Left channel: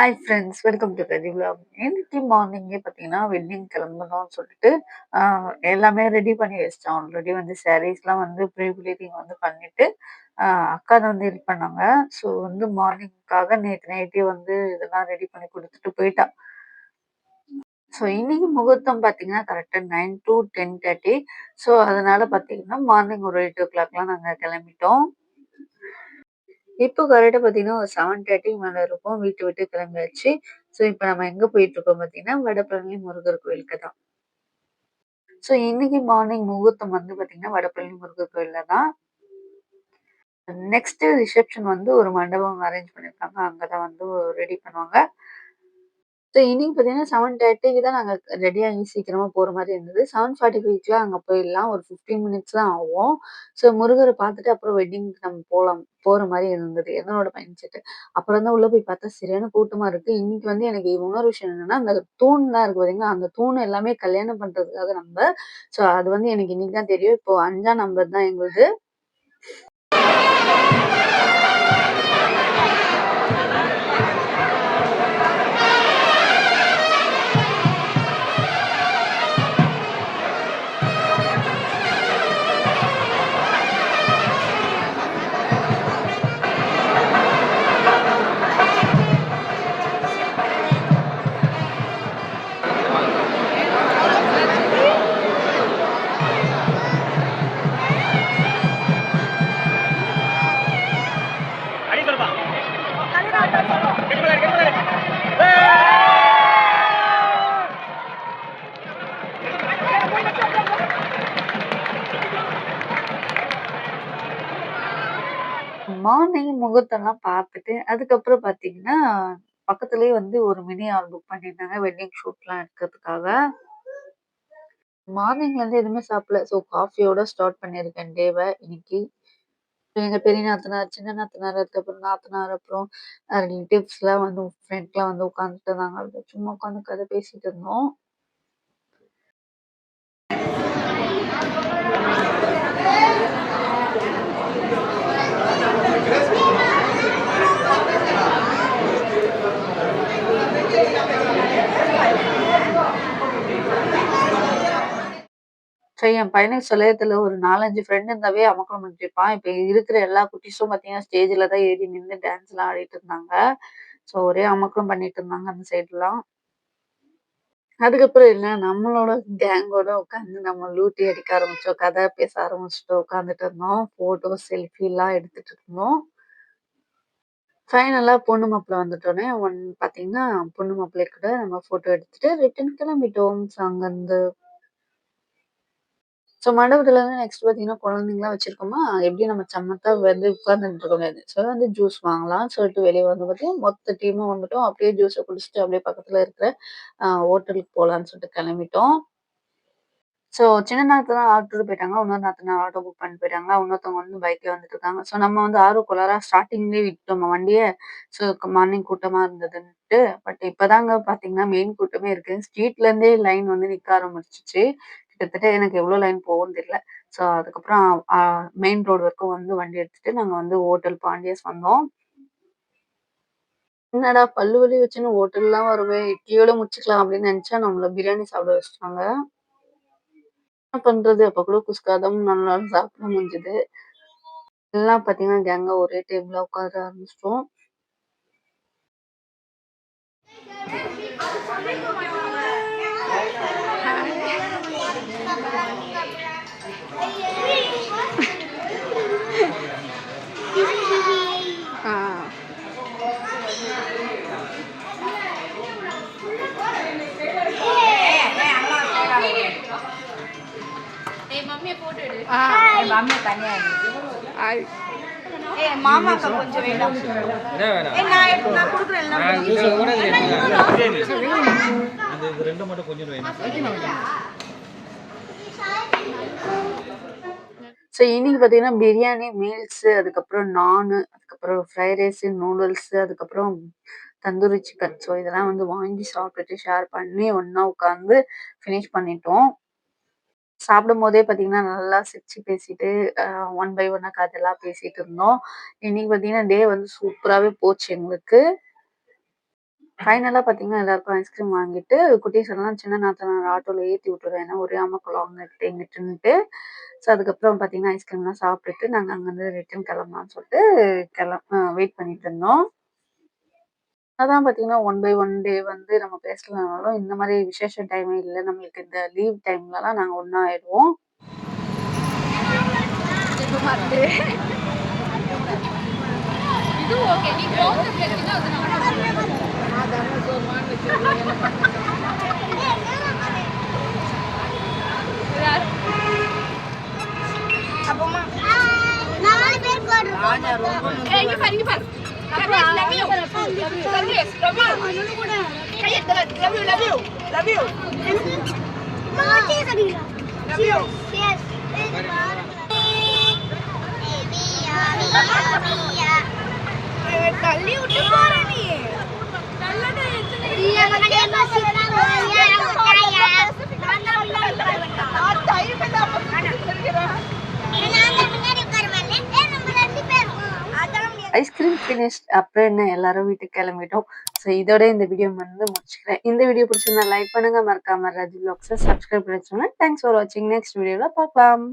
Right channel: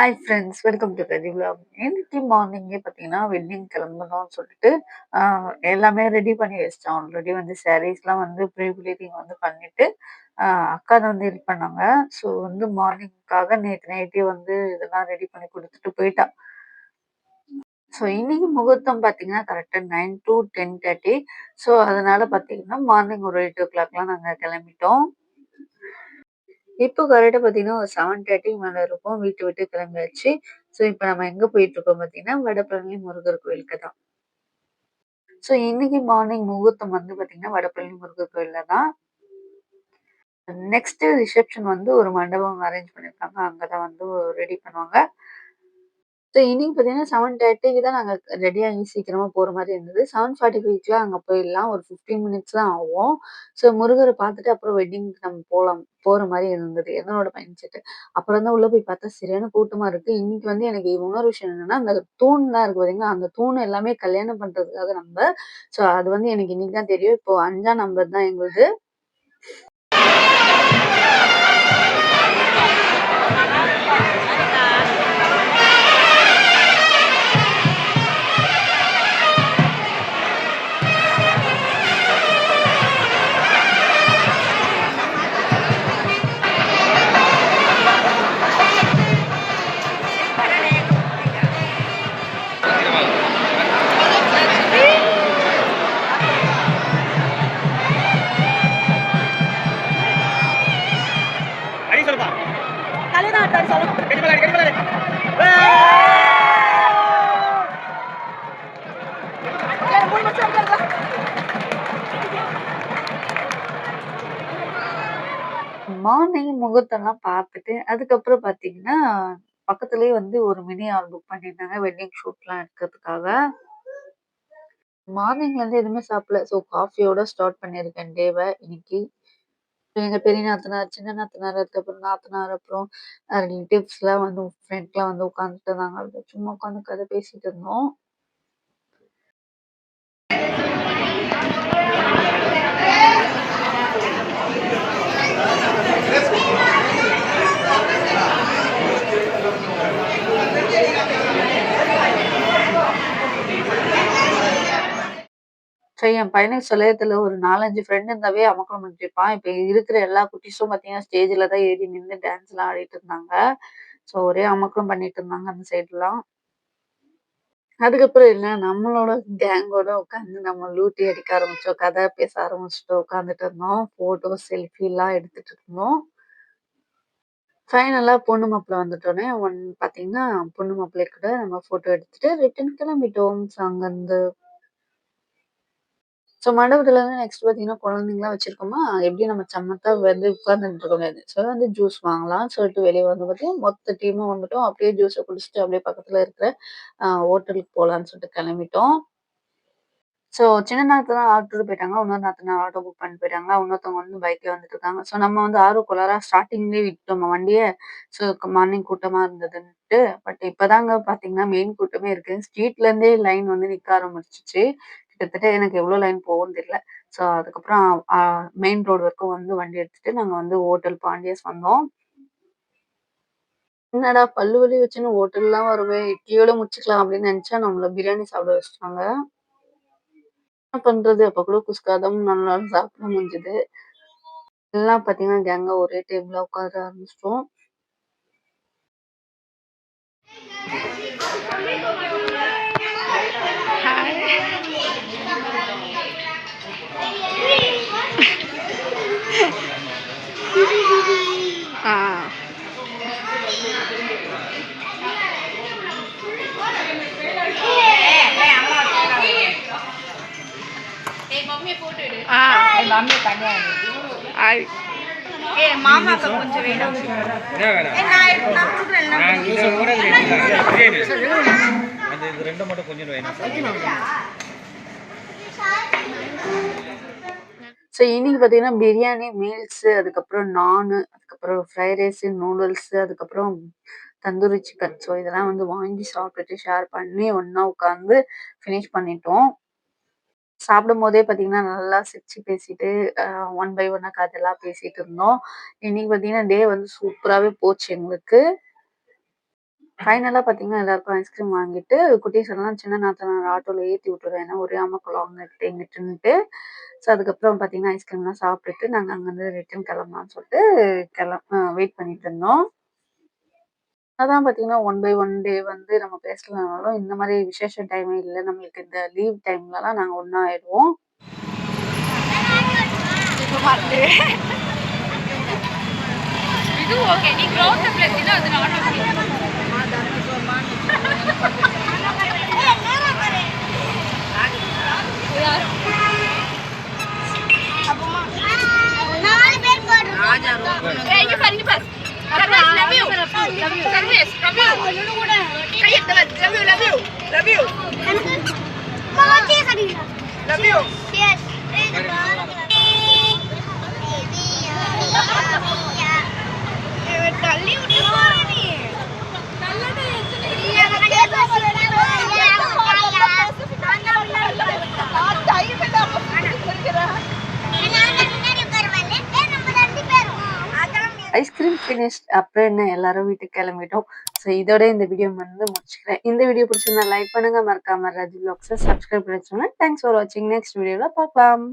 Hi friends, welcome to பெரி vlog. இன்னைக்கு மார்னிங்கே பார்த்தீங்கன்னா, வெட்டிங் கிளம்பணும்னு சொல்லிட்டு, ஆ எல்லாமே ரெடி பண்ணி வச்சுட்டேன். ஆல்ரெடி வந்து சாரீஸ்லாம் வந்து ப்ரீ ப்ளீடிங் வந்து பண்ணிட்டு, ஆ அக்கா தான் வந்து இது பண்ணாங்க. ஸோ வந்து மார்னிங்க்காக நேத்து நைட்டே வந்து இதெல்லாம் ரெடி பண்ணி குடுத்துட்டு போயிட்டா. ஸோ இன்னைக்கு முகூர்த்தம் பார்த்தீங்கன்னா, கரெக்ட்டா 9 டூ 10:30. ஸோ அதனால பார்த்தீங்கன்னா, மார்னிங் ஒரு 8:00லாம் நாங்க கிளம்பிட்டோம். இப்போ கரெக்ட்டா பார்த்தீங்கன்னா, ஒரு 7:30 மேல இருக்கும். வீட்ட விட்டு கிளம்பியாச்சு. ஸோ இப்ப நம்ம எங்க போயிட்டுருக்கோம் பார்த்தீங்கன்னா, வடபழனி முருகர் கோயிலுக்கு தான். ஸோ இன்னைக்கு மார்னிங் முகூர்த்தம் வந்து பார்த்தீங்கன்னா, வடபழனி முருகர் கோயில்ல தான். நெக்ஸ்ட் ரிசப்ஷன் வந்து ஒரு மண்டபம் அரேஞ்ச் பண்ணியிருக்காங்க. அங்க தான் வந்து ரெடி பண்ணுவாங்க. ஸோ இன்னைக்கு பார்த்தீங்கன்னா 7:30க்கு தான் நாங்க ரெடியாகி சீக்கிரமா போற மாரி இருந்தது. 7:45க்குலாம் அங்க போயிடலாம். ஒரு 15 மினிட்ஸ் தான் ஆகும். ஸோ முருகர பார்த்துட்டு அப்புறம் வெட்டிங்க்கு நம்ம போற மாரி இருந்தது. என்னோட மைண்ட் செட். அப்புறம் தான் உள்ள போய் பார்த்தா சரியான கூட்டமா இருக்கு. இன்னைக்கு வந்து எனக்கு இன்னொரு விஷயம் என்னன்னா, அந்த தூண்லாம் இருக்கு பார்த்தீங்களா, அந்த தூண் எல்லாமே கல்யாணம் பண்றதுக்காக நம்ப. ஸோ அது வந்து எனக்கு இன்னைக்கு தான் தெரியும். இப்போ 5ஆம் நம்பர் தான் எங்களுது. மார்னிங் முகூர்த்தம்லாம் பார்த்துட்டு, அதுக்கப்புறம் பார்த்தீங்கன்னா, பக்கத்திலேயே வந்து ஒரு மினி ஹால் புக் பண்ணியிருந்தாங்க. வெட்டிங் ஷூட்லாம் எடுக்கிறதுக்காக. மார்னிங்லேருந்து எதுவுமே சாப்பிடல. ஸோ காஃபியோட ஸ்டார்ட் பண்ணியிருக்கேன் டேவ இன்னைக்கு. எங்க பெரிய நாத்தனார், சின்ன நாத்தனார், அதுக்கப்புறம் நாத்தனார், அப்புறம் ரிலேட்டிவ்ஸ்லாம் வந்து ஃப்ரெண்ட்லாம் வந்து உட்காந்துட்டு இருந்தாங்க. அப்படியே சும்மா உட்காந்து கதை பேசிட்டு இருந்தோம். சரி என் பையனுக்கு சொல்லவே தெரியல. ஒரு 4, 5 ஃப்ரெண்ட் இருந்தாவே அமர்க்களம் பண்ணிட்டு இருப்பான். இப்ப இருக்கிற எல்லா குட்டீஸும் பார்த்தீங்கன்னா, ஸ்டேஜ்ல தான் ஏறி நின்னு டான்ஸ்லாம் ஆடிட்டு இருந்தாங்க. ஸோ ஒரே அமர்க்களம் பண்ணிட்டு இருந்தாங்க அந்த சைட்லாம். அதுக்கப்புறம் என்ன நம்மளோட கேங்கோட உட்காந்து நம்ம லூட்டி அடிக்க ஆரம்பிச்சோம். கதை பேச ஆரம்பிச்சுட்டு உட்காந்துட்டு இருந்தோம். ஃபோட்டோ, செல்ஃபிலாம் எடுத்துட்டு இருந்தோம். ஃபைனலா பொண்ணு மாப்பிள வந்துட்டோனே, பார்த்தீங்கன்னா, பொண்ணு மாப்பிள்ளை கூட நம்ம ஃபோட்டோ எடுத்துட்டு ரிட்டர்ன் கிளம்பிட்டோம். ஸோ அங்கருந்து மண்டபத்துலருந்து நெக்ஸ்ட் பார்த்தீங்கன்னா, குழந்தைங்கலாம் வச்சிருக்கோமா, எப்படியும் நம்ம சமத்தா வந்து உட்கார்ந்துட்டு இருக்க முடியாது. ஸோ வந்து ஜூஸ் வாங்கலாம்னு சொல்லிட்டு வெளிய வந்து பார்த்தீங்கன்னா, மொத்த டீமும் வந்துட்டோம். அப்படியே ஜூஸ குடிச்சுட்டு அப்படியே பக்கத்துல இருக்கிற ஹோட்டலுக்கு போலான்னு சொல்லிட்டு கிளம்பிட்டோம். ஸோ சின்ன நாத்தனார் ஆட்டோல போயிட்டாங்க. இன்னொரு நாத்தனார் ஆட்டோ புக் பண்ணிட்டு போயிட்டாங்க. இன்னொருத்தவங்க வந்து பைக்ல வந்துட்டுருக்காங்க. ஸோ நம்ம வந்து ஆர்வக்கோளாறா ஸ்டார்ட்டிங்லயே விட்டுட்டோம் வண்டிய. ஸோ மார்னிங் கூட்டமா இருந்ததுன்ட்டு. பட் இப்பதாங்க பார்த்தீங்கன்னா, மெயின் கூட்டமே இருக்கு. ஸ்ட்ரீட்ல இருந்தே லைன் வந்து நிக்க ஆரம்பிச்சுருச்சு. கிட்டத்தட்ட எனக்கு எவ்வளோ லைன் போகும்ன்னு தெரியல. ஸோ அதுக்கப்புறம் மெயின் ரோடு வரைக்கும் வந்து வண்டி எடுத்துட்டு நாங்க வந்து ஹோட்டல் பாண்டியஸ் வந்தோம். என்னடா பல்லு வலி வச்சுன்னு ஹோட்டல்லாம் வருவே, இட்லியோட முடிச்சுக்கலாம் அப்படின்னு நெனச்சா, நம்மள பிரியாணி சாப்பிட வச்சுட்டாங்க. என்ன பண்றது? அப்ப கூட குஸ்கா தான் நம்மளால சாப்பிட முடிஞ்சது. எல்லாம் பார்த்தீங்கன்னா, கேங்கா ஒரே டேபிள்ல உட்கார ஆரம்பிச்சுட்டோம். À. À. Ai. மாமாக்கு கொஞ்சம் வேணும். என்ன வேணாம்? நான் குடுக்குறேன் எல்லாம். நான் ஜூஸ் கூட அந்த இது ரெண்டு மட்டும் கொஞ்சம் வேணும். ஸோ இன்னைக்கு பார்த்தீங்கன்னா, பிரியாணி, மீல்ஸு, அதுக்கப்புறம் நானு, அதுக்கப்புறம் ஃப்ரைட் ரைஸு, நூடுல்ஸு, அதுக்கப்புறம் தந்தூரி சிக்கன். ஸோ இதெல்லாம் வந்து வாங்கி சாப்பிட்டுட்டு ஷேர் பண்ணி ஒண்ணா உட்காந்து ஃபினிஷ் பண்ணிட்டோம். சாப்பிடும்போதே பார்த்தீங்கன்னா, நல்லா சிரிச்சு பேசிட்டு ஒன் பை ஒன்னா கதைலாம் பேசிட்டு இருந்தோம். இன்னைக்கு பார்த்தீங்கன்னா, டே வந்து சூப்பராவே போச்சு எங்களுக்கு. ஃபைனலா பார்த்தீங்கன்னா, எல்லாருக்கும் ஐஸ்கிரீம் வாங்கிட்டு, குட்டீஸ் எல்லாம் சின்ன நாத்தனார் ஆட்டோல ஏத்தி விட்டுறேன். ஏன்னா ஒரே அமர்க்களம் அங்கிட்டு இங்கிட்டுன்ட்டு. ஸோ அதுக்கப்புறம் பார்த்தீங்கன்னா, ஐஸ்கிரீம்லாம் சாப்பிட்டுட்டு நாங்க அங்கருந்து ரிட்டர்ன் கிளம்பலாம்னு சொல்லிட்டு வெயிட் பண்ணிட்டு இருந்தோம். அதான் பார்த்தீங்கன்னா, ஒன் பை ஒன் டே வந்து நம்ம பேசலனாலும், இந்த மாரி விசேஷ டைமே இல்ல. நம்மளுக்கு இந்த லீவ் டைம்லலாம் நாங்க ஒண்ணா ஆயிடுவோம். இது ஓகே. நீ கிரவுண்ட்ல பேசினா அது நான் இங்க பாரு இங்க பாரு. Love you Sarvesh love you கையெடுத்து love you love you love you love you தள்ளி விட்டு போற நீ நல்லடா ஐஸ்கிரீம் ஃபினிஷ்ட். அப்புறம் என்ன எல்லாரும் வீட்டுக்கு கிளம்பிட்டோம். ஸோ இதோட இந்த வீடியோ வந்து முடிச்சுக்கிறேன். இந்த வீடியோ பிடிச்சிருந்தா லைக் பண்ணுங்க. மறக்காம ராஜு வ்ளாக்ஸ சப்ஸ்கிரைப் பண்ணி வச்சுக்கோங்க. தேங்க்ஸ் ஃபார் வாட்சிங். நெக்ஸ்ட் வீடியோல பார்க்கலாம்.